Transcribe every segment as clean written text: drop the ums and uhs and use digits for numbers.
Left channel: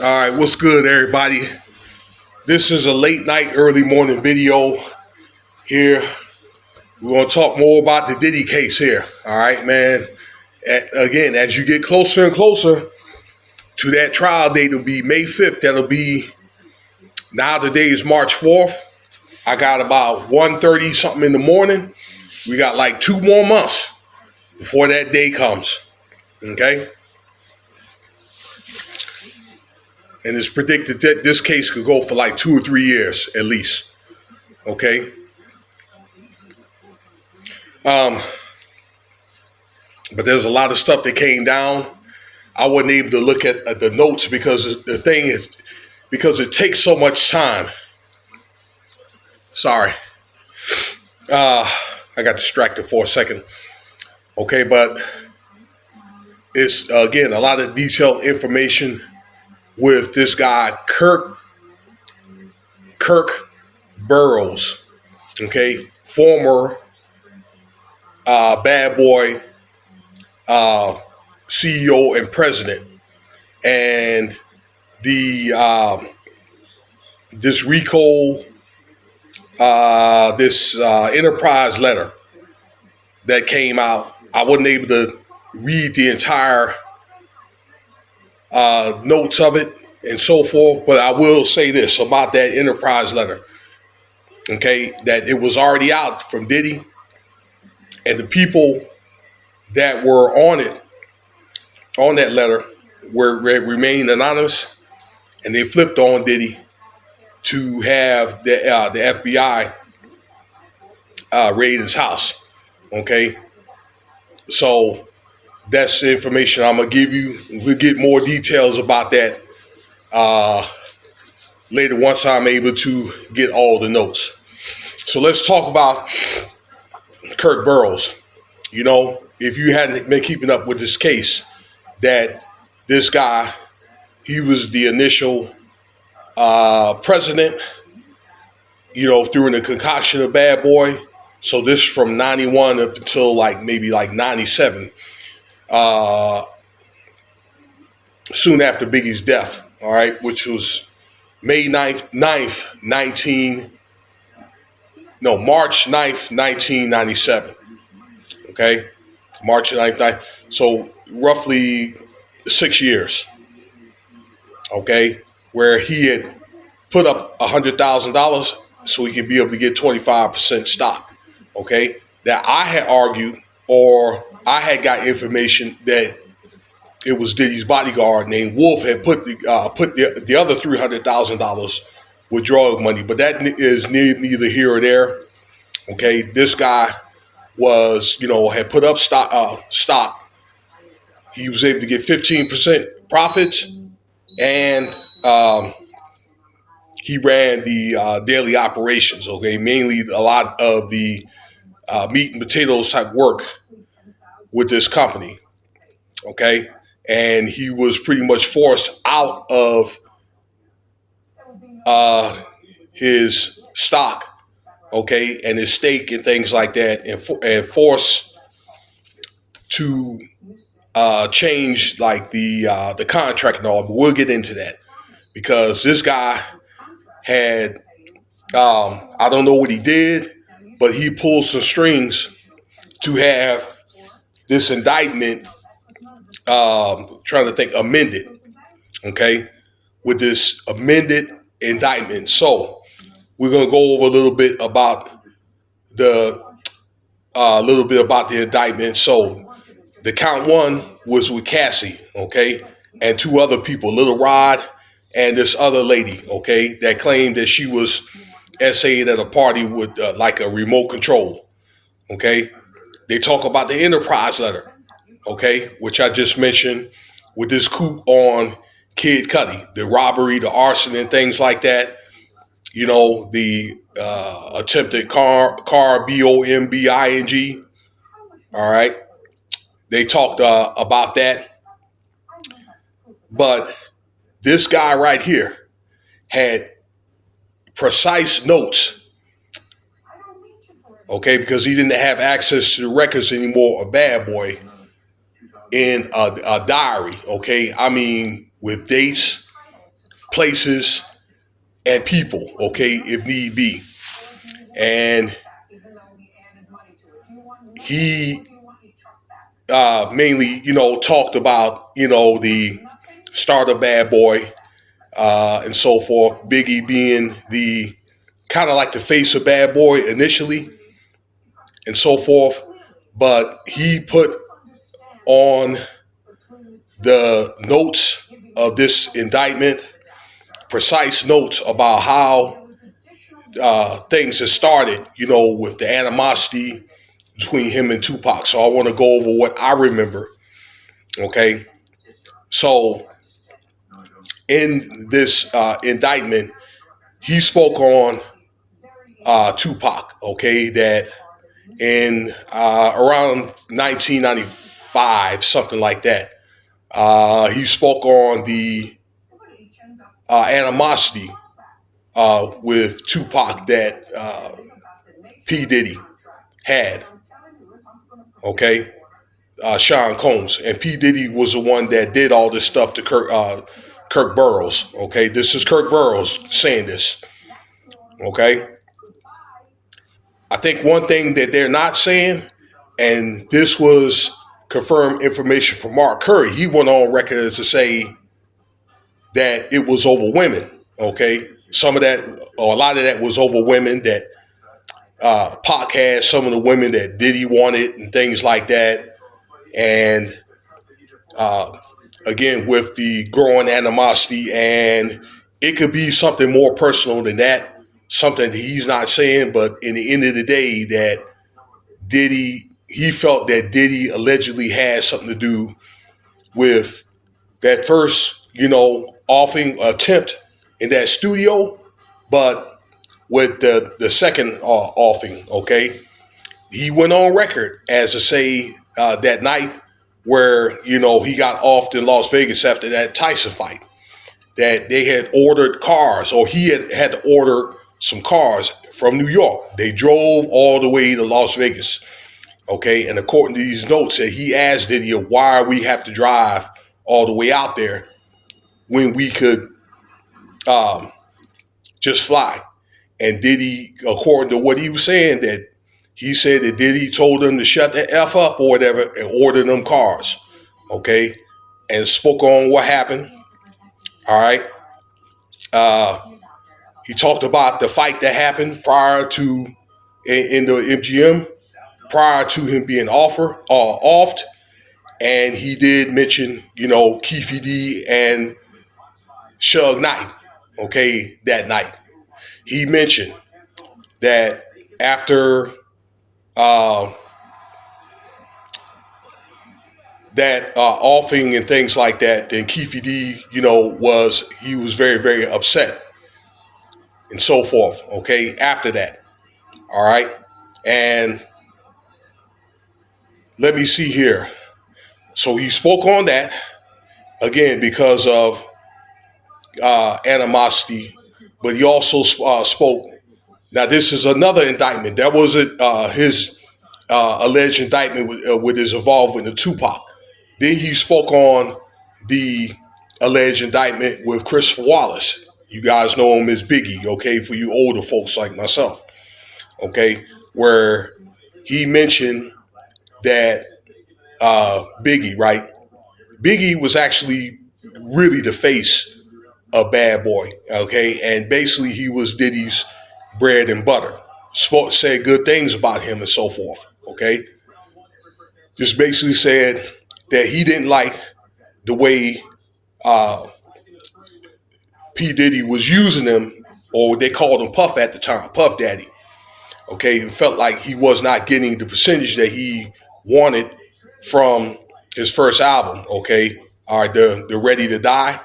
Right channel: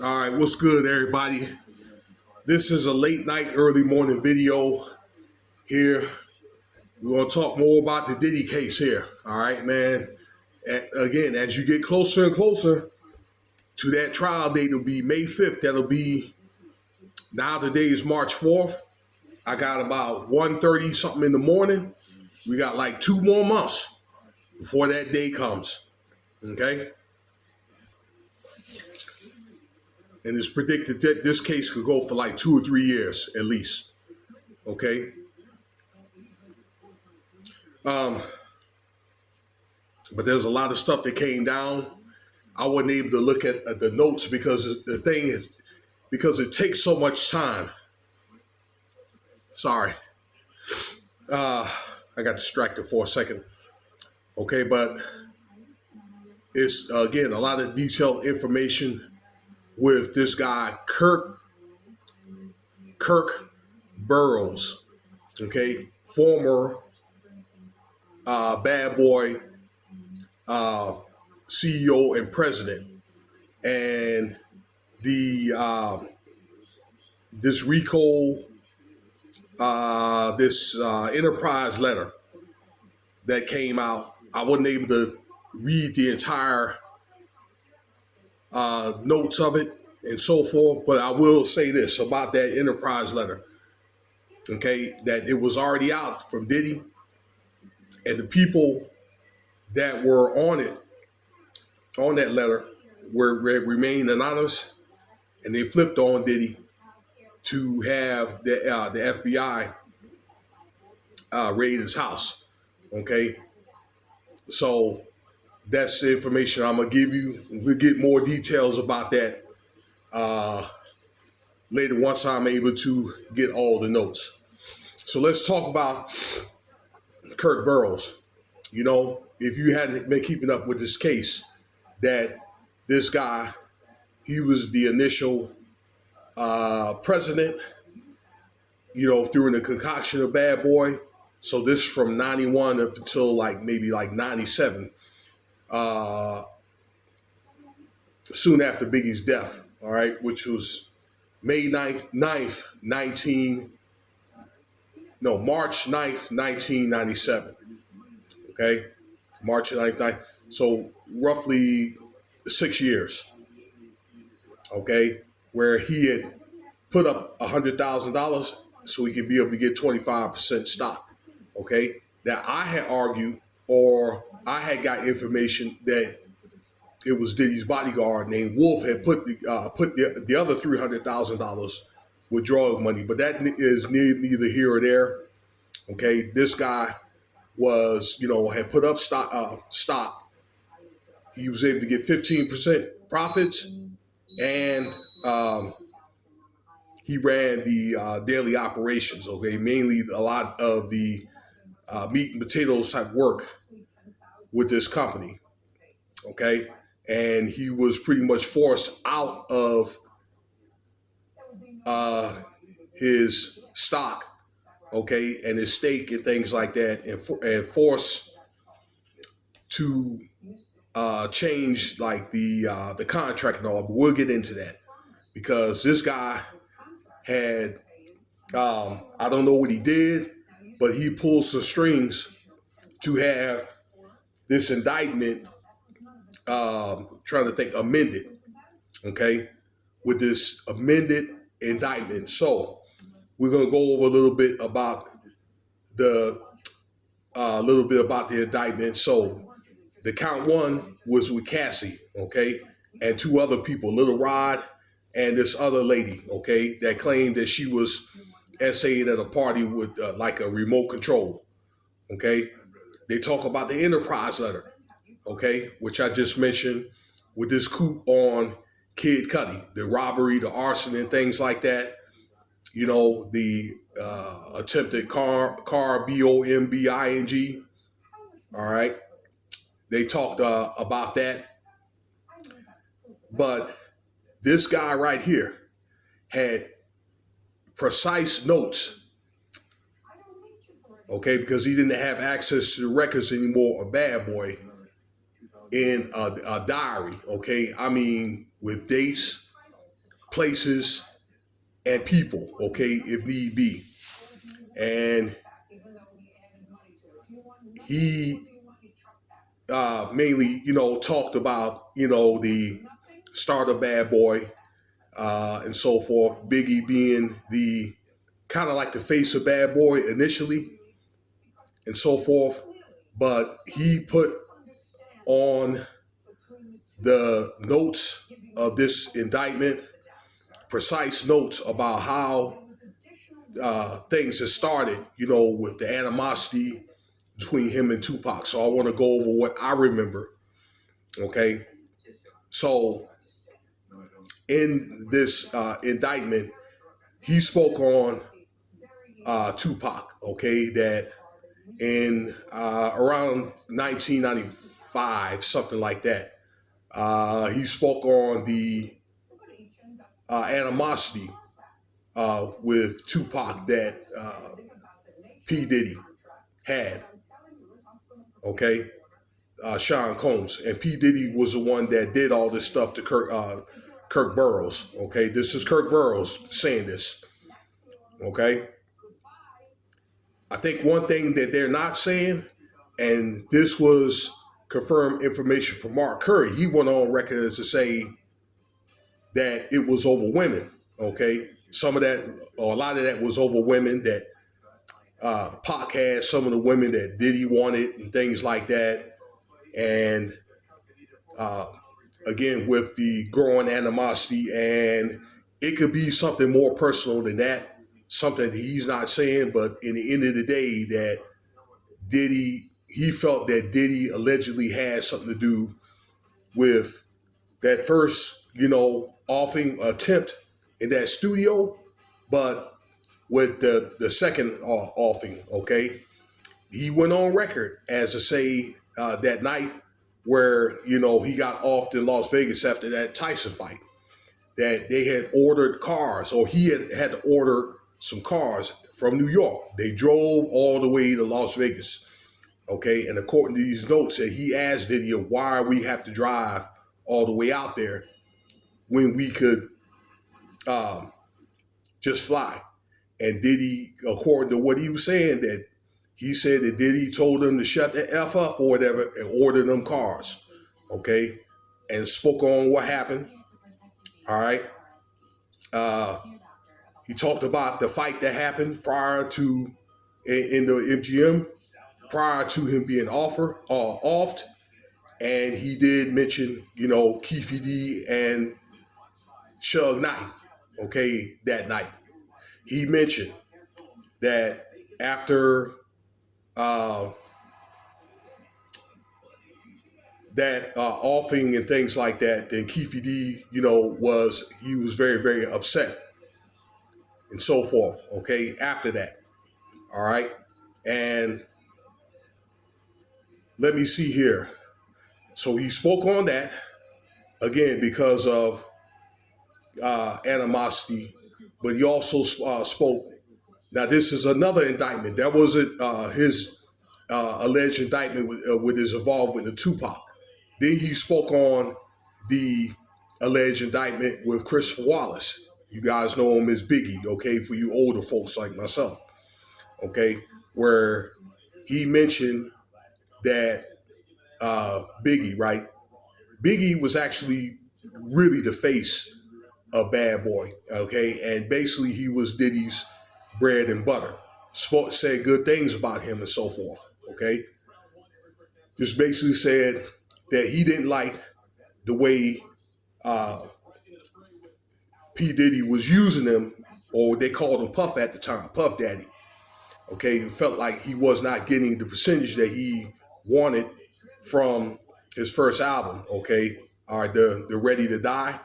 All right, what's good, everybody? This is a late night, early morning video here. We're going to talk more about the Diddy case here. All right, man. Again, as you get closer and closer to that trial date, it'll be May 5th. That'll be, now the day is March 4th. I got about 1:30 something in the morning. We got like 2 more months before that day comes. Okay? And it's predicted that this case could go for like 2 or 3 years at least. Okay? But there's a lot of stuff that came down. I wasn't able to look at the notes because the thing is, because it takes so much time. Sorry. I got distracted for a second. Okay, but it's, again, a lot of detailed information with this guy, Kirk Burrows, okay, former BadBoy CEO and president, and the this RICO, this enterprise letter that came out. I wasn't able to read the entire notes of it and so forth, but I will say this about that enterprise letter, okay, that it was already out from Diddy, and the people that were on it, on that letter, remained anonymous, and they flipped on Diddy to have the FBI raid his house. Okay, so that's the information I'm gonna give you. We'll get more details about that later once I'm able to get all the notes. So let's talk about Kirk Burrows. You know, if you hadn't been keeping up with this case, that this guy, he was the initial president, you know, during the concoction of Bad Boy. So this from 91 up until maybe 97, soon after Biggie's death, all right, which was March 9th, 1997. Okay, March 9th. So roughly 6 years. Okay, where he had put up $100,000 so he could be able to get 25% stock. Okay, that I had argued, or I had got information that it was Diddy's bodyguard named Wolf had put the other $300,000 with drug money, but that is neither here or there. Okay, this guy was, had put up stock. He was able to get 15% profits, and he ran the daily operations. Okay, mainly a lot of the meat and potatoes type work with this company. Okay, and he was pretty much forced out of his stock, okay, and his stake and things like that, and forced to change like the contract and all. But we'll get into that because this guy had I don't know what he did, but he pulled some strings to have this indictment, trying to think, amended, okay, with this amended indictment. So we're gonna go over a little bit about the indictment. So the count one was with Cassie, okay, and 2 other people, Little Rod and this other lady, okay, that claimed that she was essayed at a party with like a remote control, okay. They talk about the enterprise letter, okay, which I just mentioned, with this coup on Kid Cudi, the robbery, the arson, and things like that. You know, the attempted car bombing. All right, they talked about that, but this guy right here had precise notes, okay, because he didn't have access to the records anymore of Bad Boy, in a diary, okay? I mean, with dates, places, and people, okay, if need be. And he mainly, talked about, the start of Bad Boy and so forth. Biggie being the kind of like the face of Bad Boy initially and so forth. But he put on the notes of this indictment precise notes about how things had started, with the animosity between him and Tupac. So I want to go over what I remember. Okay. So in this indictment, he spoke on Tupac, okay, that in around 1995, something like that, he spoke on the animosity with Tupac that P Diddy had, okay, Sean Combs. And P Diddy was the one that did all this stuff to Kirk Burrows, okay. This is Kirk Burrows saying this, okay. I think one thing that they're not saying, and this was confirmed information from Mark Curry, he went on record to say that it was over women, okay. Some of that, or a lot of that, was over women, that Pac had some of the women that Diddy wanted and things like that. And again, with the growing animosity, and it could be something more personal than that, something that he's not saying, but in the end of the day, that he felt that Diddy allegedly had something to do with that first, offing attempt in that studio, but with the second offing, okay? He went on record as to say that night where, he got offed in Las Vegas after that Tyson fight, that they had ordered cars, or he had to order some cars from New York. They drove all the way to Las Vegas, okay? And according to these notes, that he asked Diddy, why we have to drive all the way out there when we could just fly. And Diddy, according to what he was saying, that he said that Diddy told them to shut the F up or whatever and order them cars, okay? And spoke on what happened, all right? He talked about the fight that happened prior to, in the MGM, prior to him being offed. And he did mention, Keefe D and Suge Knight, okay, that night. He mentioned that after that offing and things like that, then Keefe D, he was very, very upset and so forth, okay, after that. All right. And let me see here. So he spoke on that, again, because of animosity, but he also spoke. Now, this is another indictment. That wasn't his alleged indictment with his involvement in Tupac. Then he spoke on the alleged indictment with Christopher Wallace. You guys know him as Biggie, okay, for you older folks like myself, okay, where he mentioned that Biggie, right? Biggie was actually really the face of Bad Boy, okay, and basically he was Diddy's bread and butter. Said good things about him and so forth, okay? Just basically said that he didn't like the way P Diddy was using him, or they called him Puff at the time, Puff Daddy, okay? He felt like he was not getting the percentage that he wanted from his first album, okay? All right, the Ready to Die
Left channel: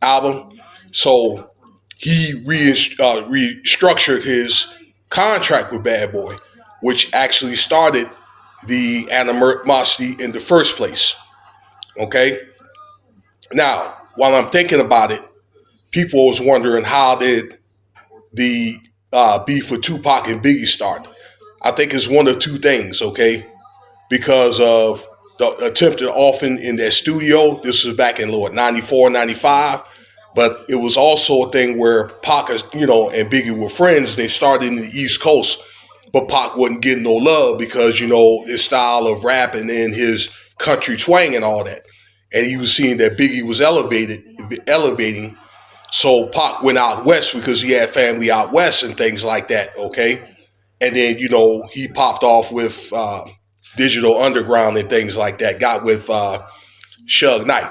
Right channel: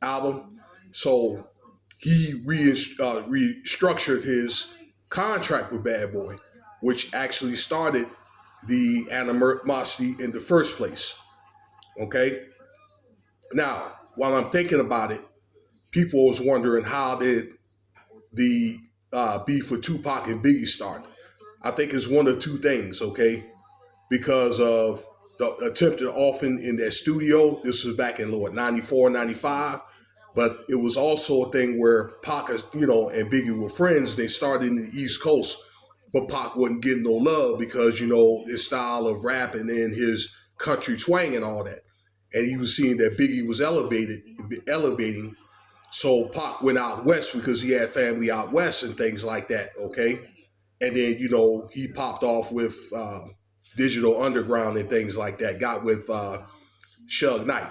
album. So he restructured his contract with Bad Boy, which actually started the animosity in the first place, okay? Now, while I'm thinking about it, people was wondering, how did the beef with Tupac and Biggie start? I think it's one of two things, okay? Because of the attempted offing in that studio. This was back in 94, 95, But it was also a thing where Pac, and Biggie were friends. They started in the East Coast, but Pac wasn't getting no love because, his style of rapping and his country twang and all that. And he was seeing that Biggie was elevating. So Pac went out west because he had family out west and things like that. Okay. And then, he popped off with Digital Underground and things like that. Got with Suge Knight.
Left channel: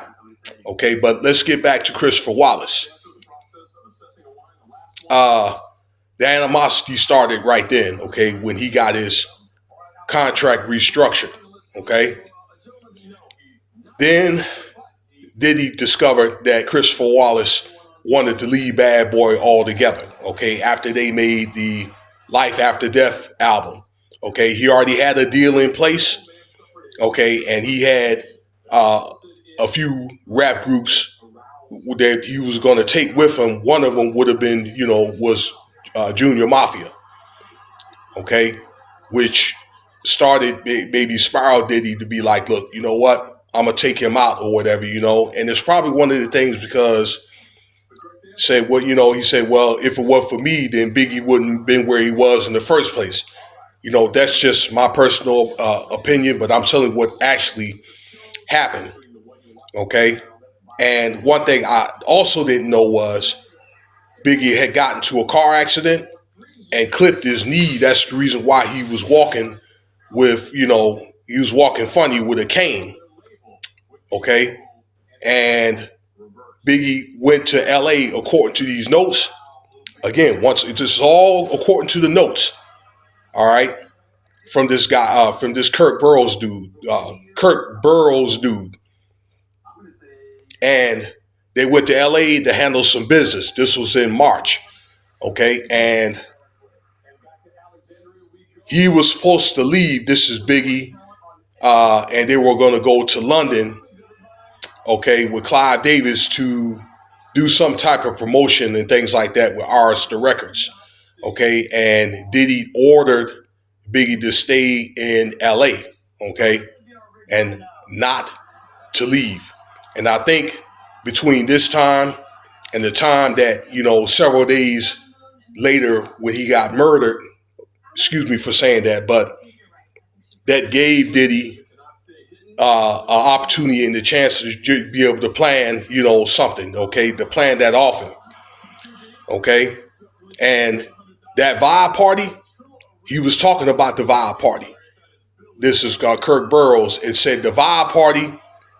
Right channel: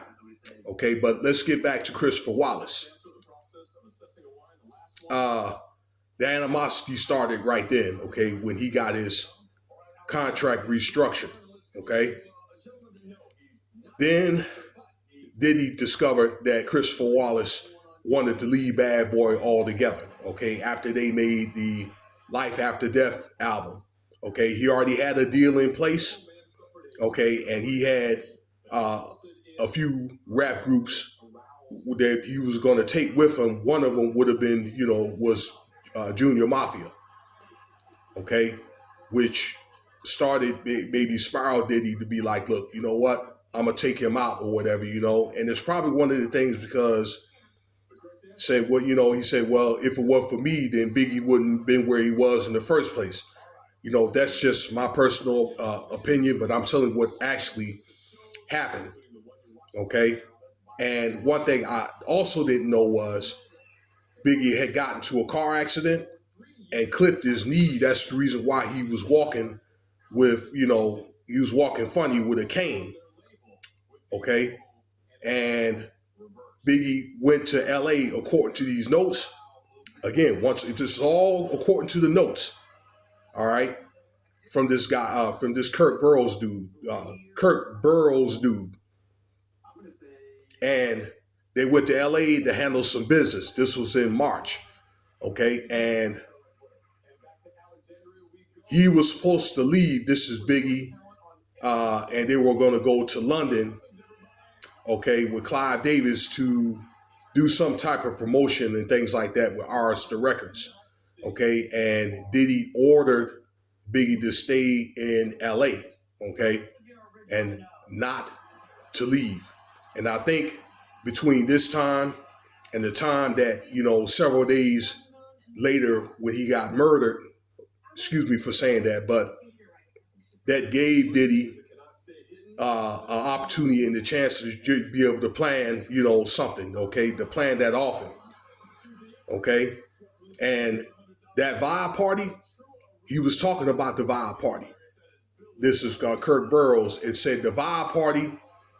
Okay, but let's get back to Christopher Wallace. Uh, the animosity started right then, okay, when he got his contract restructured, okay? Then Diddy discovered that Christopher Wallace wanted to leave Bad Boy altogether, okay, after they made the Life After Death album, okay? He already had a deal in place, okay, and he had a few rap groups that he was going to take with him. One of them would have been, was Junior Mafia, okay, which started maybe spiral Diddy to be like, look, you know what, I'm gonna take him out or whatever, and it's probably one of the things because he said, well, if it weren't for me, then Biggie wouldn't have been where he was in the first place. That's just my personal opinion, but I'm telling you what actually happened, okay? And one thing I also didn't know was Biggie had gotten into a car accident and clipped his knee. That's the reason why he was walking he was walking funny with a cane. Okay. And Biggie went to LA according to these notes. Again, this is all according to the notes. All right. From this guy, from this Kirk Burrows dude. And they went to LA to handle some business. This was in March. Okay. And he was supposed to leave. This is Biggie. And they were going to go to London, okay, with Clive Davis to do some type of promotion and things like that with Arista Records, okay? And Diddy ordered Biggie to stay in LA, okay, and not to leave. And I think between this time and the time that, several days later when he got murdered, excuse me for saying that, but that gave Diddy an opportunity and the chance to be able to plan, something, okay, to plan that often, okay? And that vibe party, he was talking about the vibe party. This is Kirk Burrows. It said the vibe party,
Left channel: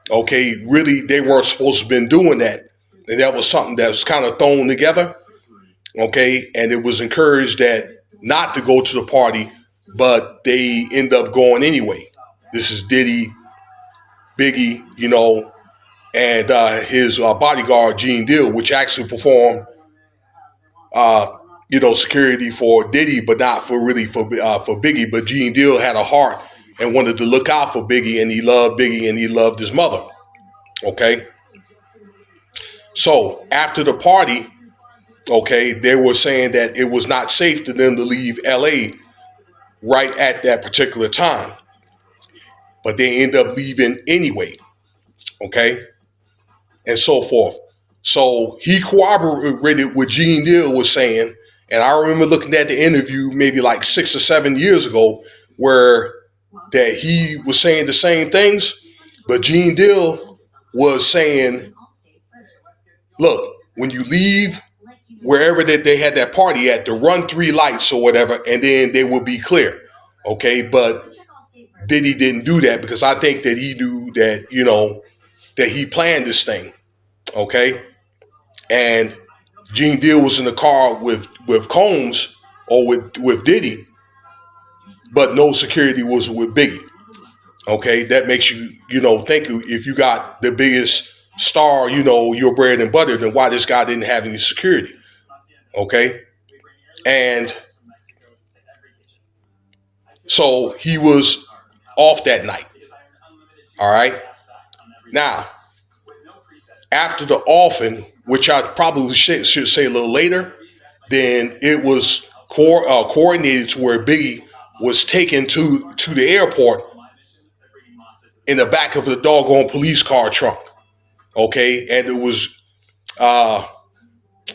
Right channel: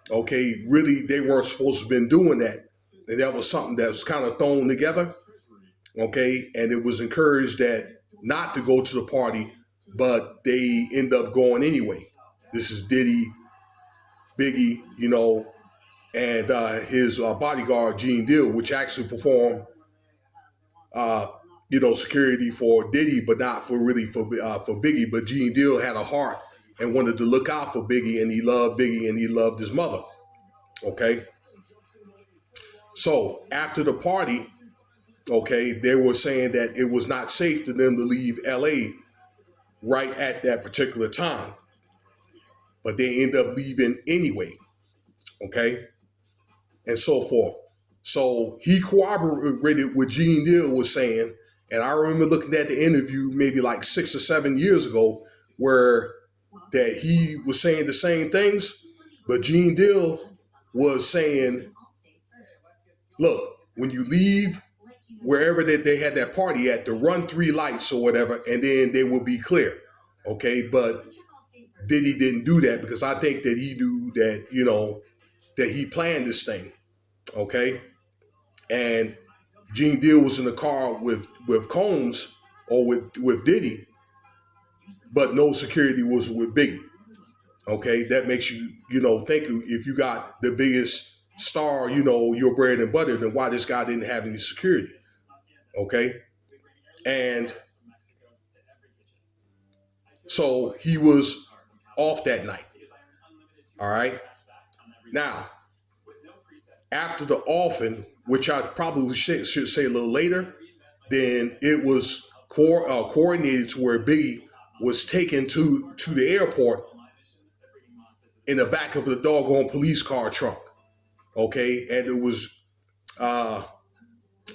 okay, really they weren't supposed to have been doing that. And that was something that was kind of thrown together, okay? And it was encouraged that not to go to the party, but they end up going anyway. This is Diddy, Biggie, and his bodyguard Gene Deal, which actually performed, security for Diddy, but not for Biggie. But Gene Deal had a heart and wanted to look out for Biggie, and he loved Biggie, and he loved his mother. Okay. So after the party, okay, they were saying that it was not safe for them to leave LA right at that particular time, but they end up leaving anyway. Okay. And so forth. So he corroborated what Gene Deal was saying. And I remember looking at the interview maybe like 6 or 7 years ago where that he was saying the same things, but Gene Deal was saying, look, when you leave wherever that they had that party at, to run 3 lights or whatever, and then they will be clear. Okay. But Diddy didn't do that because I think that he knew that, that he planned this thing. Okay. And Gene Deal was in the car with Combs or with Diddy, but no security was with Biggie. Okay, that makes you, think if you got the biggest star, your bread and butter, then why this guy didn't have any security? Okay, and so he was off that night. All right, now after the offing, which I probably should say a little later, then it was coordinated to where Biggie was taken to the airport in the back of the doggone police car trunk. Okay, and it was uh,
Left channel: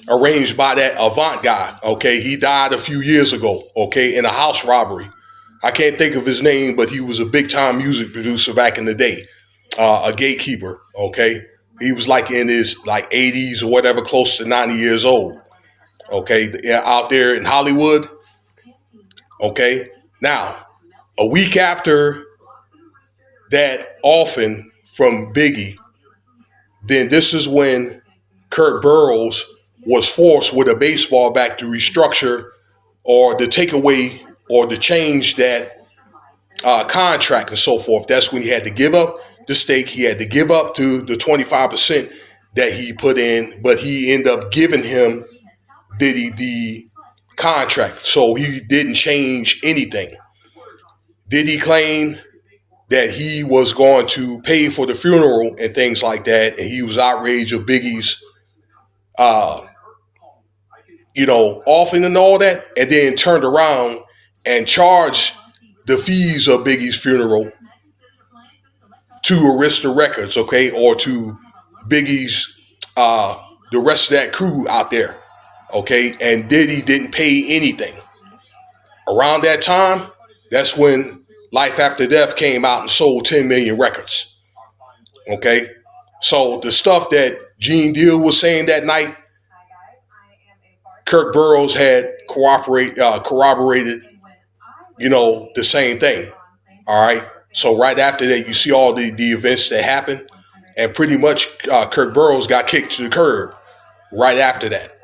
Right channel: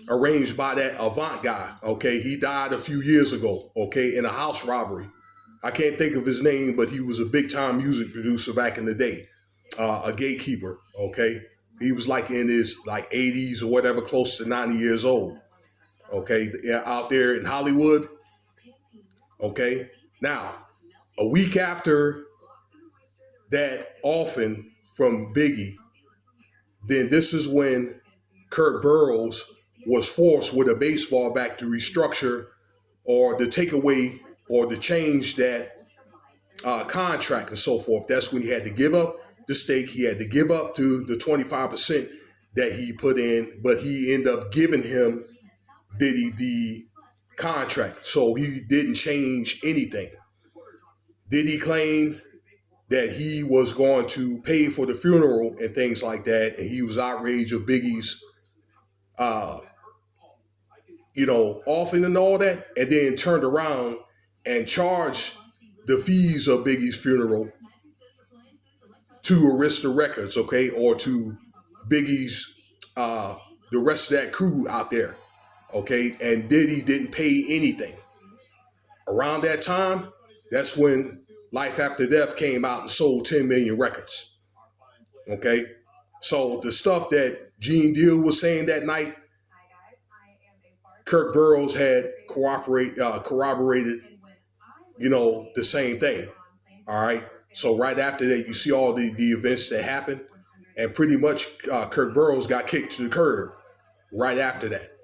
arranged by that Avant guy. Okay, he died a few years ago. Okay, in a house robbery. I can't think of his name, but he was a big time music producer back in the day, a gatekeeper. Okay, he was like in his like 80s or whatever, close to 90 years old. Okay, out there in Hollywood. Okay, now a week after that, often from Biggie, then this is when Kirk Burrows was forced with a baseball bat to restructure or to take away or to change that contract and so forth. That's when he had to give up the stake. He had to give up to the 25% that he put in, but he ended up giving him Diddy the contract. So he didn't change anything. Diddy claimed that he was going to pay for the funeral and things like that, and he was outraged of Biggie's uh, offering and all that, and then turned around and charged the fees of Biggie's funeral to Arista Records, okay, or to Biggie's the rest of that crew out there, okay, and Diddy didn't pay anything. Around that time, that's when Life After Death came out and sold 10 million records, okay. So the stuff that Gene Deal was saying that night, Kirk Burrows had corroborated, the same thing. All right. So right after that, you see all the events that happened, and pretty much Kirk Burrows got kicked to the curb right after that.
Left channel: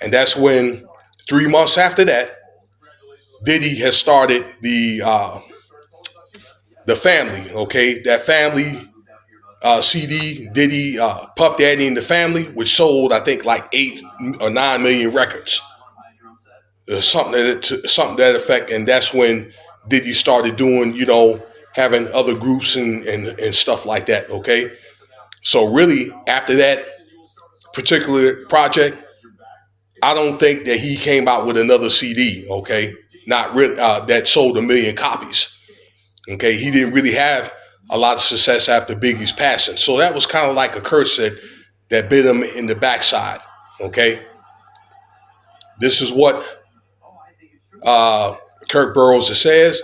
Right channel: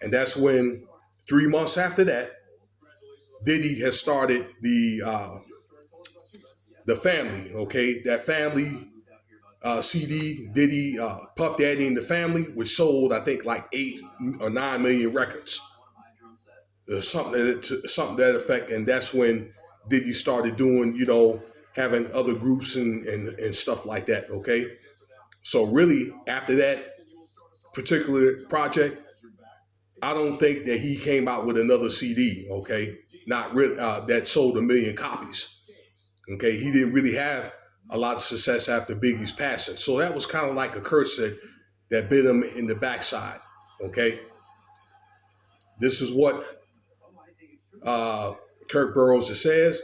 And that's when 3 months after that, Diddy has started the family. Okay, that family CD, Diddy, Puff Daddy and the Family, which sold I think like 8 or 9 million records, something to that effect. And that's when Diddy started doing, having other groups and stuff like that. Okay, so really after that particular project, I don't think that he came out with another CD. Okay, not really that sold 1 million copies. Okay, he didn't really have a lot of success after Biggie's passing. So that was kind of like a curse that bit him in the backside. Okay, this is what Kirk Burrows says,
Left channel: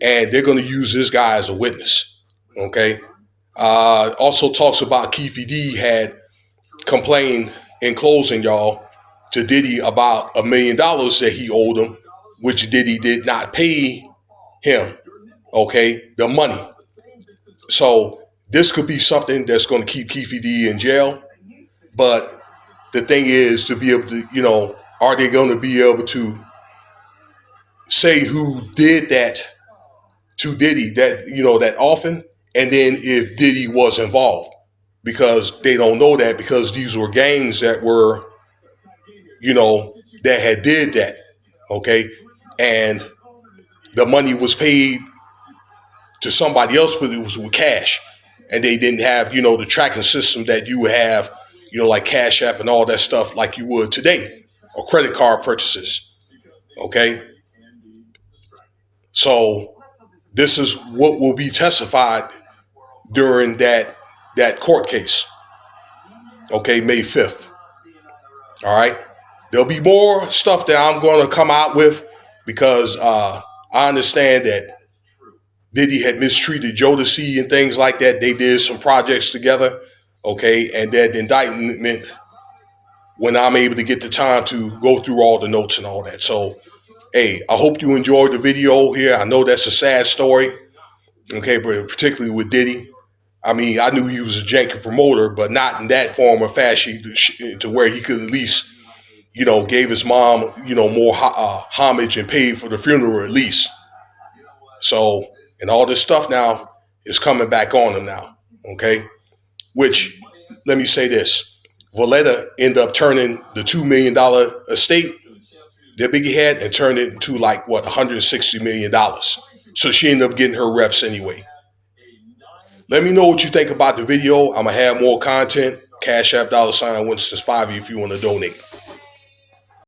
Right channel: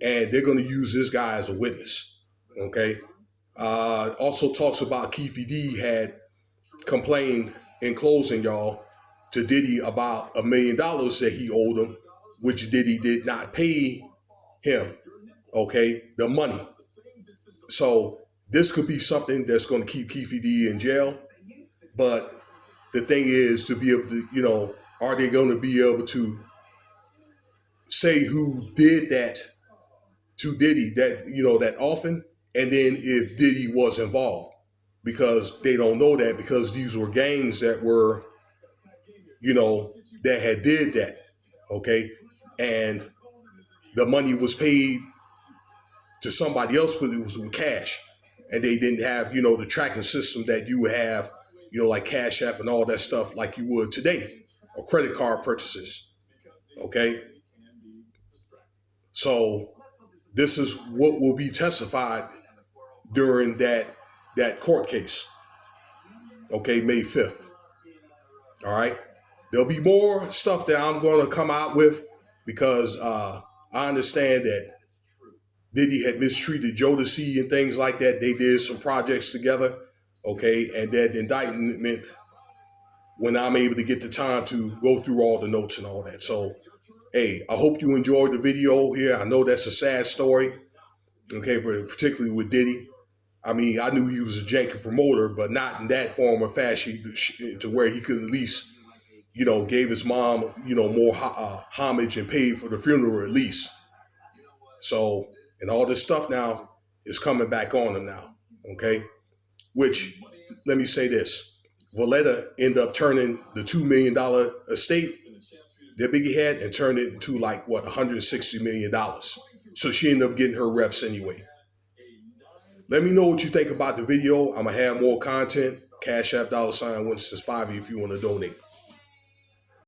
and they're going to use this guy as a witness. Okay, also talks about Keefe D had complained in closing, y'all, to Diddy about $1 million that he owed him, which Diddy did not pay him. Okay, the money. So this could be something that's going to keep Keefe D in jail. But the thing is to be able to, are they going to be able to say who did that to Diddy, that often, and then if Diddy was involved? Because they don't know that, because these were gangs that were, that had did that. Okay. And the money was paid to somebody else, but it was with cash. And they didn't have, the tracking system that you would have, like Cash App and all that stuff like you would today, or credit card purchases. Okay. So this is what will be testified during that court case. Okay, May 5th. All right. There'll be more stuff that I'm going to come out with, because I understand that Diddy had mistreated Jodeci and things like that. They did some projects together, okay, and that indictment, when I'm able to get the time to go through all the notes and all that. So, hey, I hope you enjoyed the video here. I know that's a sad story, okay, but particularly with Diddy. I mean, I knew he was a janky promoter, but not in that form or fashion to where he could at least, gave his mom, more homage and paid for the funeral at least. So, and all this stuff now is coming back on him now, okay? Which, let me say this. Valletta ended up turning the $2 million estate that Biggie had and turned it into like, $160 million. So she ended up getting her reps anyway. Let me know what you think about the video. I'm going to have more content. Cash App $Winston Spivey if you want to donate.